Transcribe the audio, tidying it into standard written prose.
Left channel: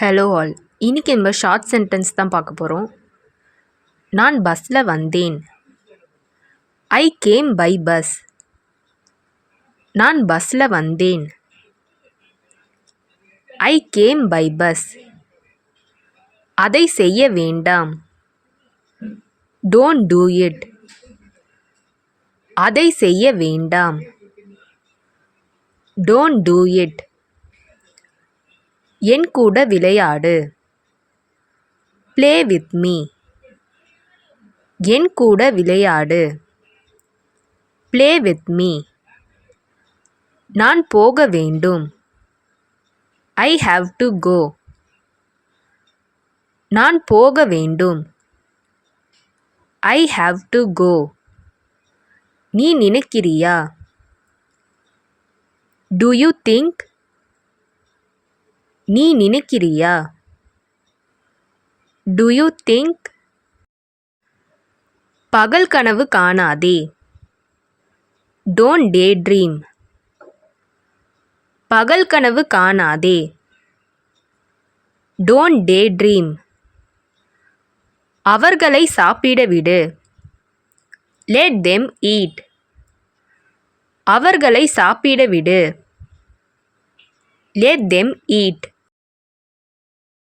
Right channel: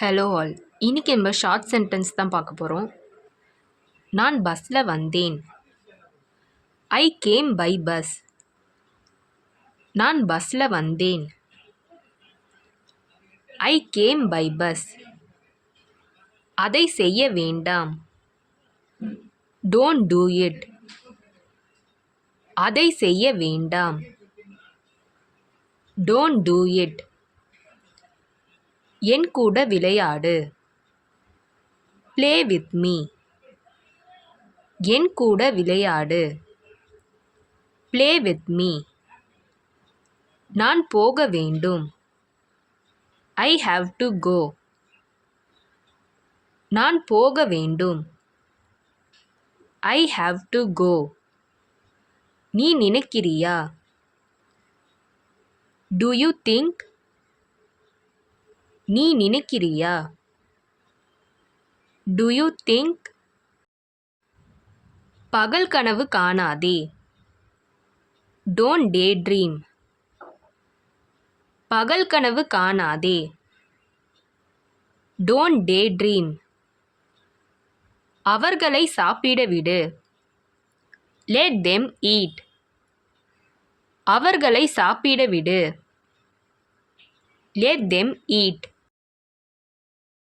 Hello all. இன்னைக்கு நம்ம short sentence தான் பார்க்க போகிறோம். நான் பஸ்ஸில் வந்தேன். I came by bus. நான் பஸ்ஸில் வந்தேன். I came by bus. அதை செய்ய வேண்டாம். Don't do it. அதை செய்ய வேண்டாம். Don't do it. என் கூட விளையாடு. Play with me. என் கூட விளையாடு. Play with me. நான் போக வேண்டும். I have to go. நான் போக வேண்டும். I have to go. நீ நினைக்கிறியா? Do you think? நீ நினைக்கிறியா? Do you think? பகல் கனவு காணாதே. Don't day dream. பகல் கனவு காணாதே. Don't day dream. அவர்களை சாப்பிட விடு. Let them eat. அவர்களை சாப்பிட விடு. Let them eat.